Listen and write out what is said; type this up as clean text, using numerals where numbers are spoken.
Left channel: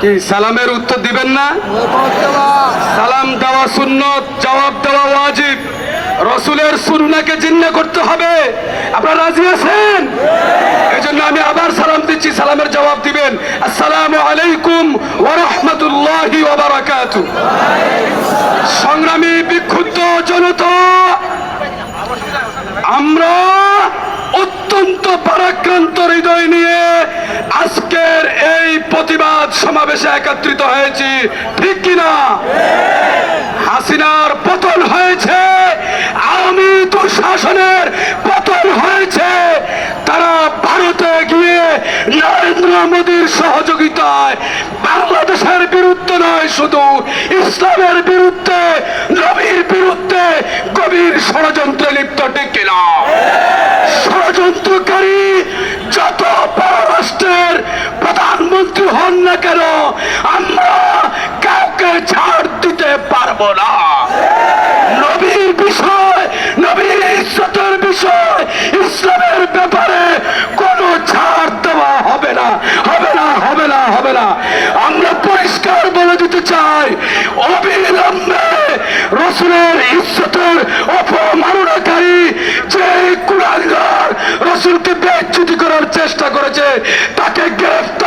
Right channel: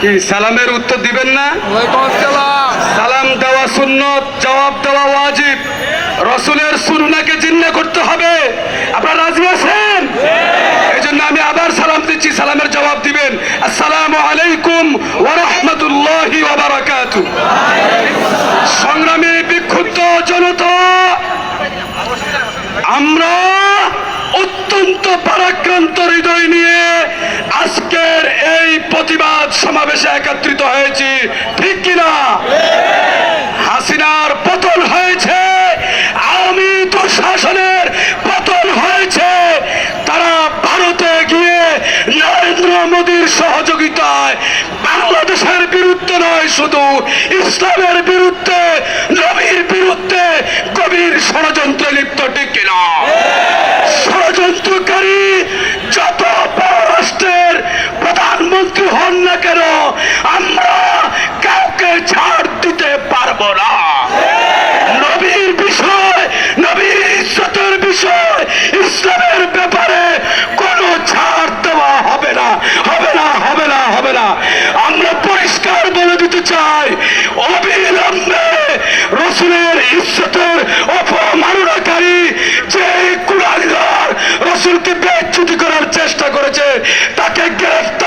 কি সালামের উত্তর দিবেন না? সালাম দেওয়া সুন্নত, জবাব দেওয়া ওয়াজিব। রসুলের সুন্নাহকে জিন্না করতে হবে। আপনারা রাজি আছেন? এই জন্য আমি আবার সালাম দিচ্ছি, সালামের জবাব দিবেন। আসসালামু আলাইকুম ওয়া রাহমাতুল্লাহি ওয়া বারাকাতুহু। সংগ্রামী বিক্ষুব্ধ জনতা, আমরা অত্যন্ত পরাক্রান্ত হৃদয় নিয়ে আজকের এই প্রতিবাদ সমাবেশে একত্রিত হয়েছি, ঠিক কিনা? হাসিনার পতন হয়েছে, আওয়ামী দুঃশাসনের পতন হয়েছে। তারা ভারতে গিয়ে নরেন্দ্র মোদীর সহযোগিতায় বাংলাদেশের বিরুদ্ধে নয়, শুধু ইসলামের বিরুদ্ধে, নবীর বিরুদ্ধে গভীর ষড়যন্ত্রে লিপ্ত, ঠিক কিনা? ষড়যন্ত্রকারী যত পররাষ্ট্রের প্রধানমন্ত্রী হন না কেন, আমরা কাউকে ছাড় দিতে পারবো না। নবীর বিষয়, নবীর ইজ্জতের বিষয়, ইসলামের ব্যাপারে কোনো ছাড় দেওয়া হবে না, হবে না, হবে না, হবে না। আমরা পরিষ্কার বলে দিতে চাই, অবিলম্বে রসুলের ইজ্জতের অপমাননাকারী যে কুলাঙ্গার রসুলকে বেইজ্জতি করার চেষ্টা করেছে, তাকে গ্রেফতার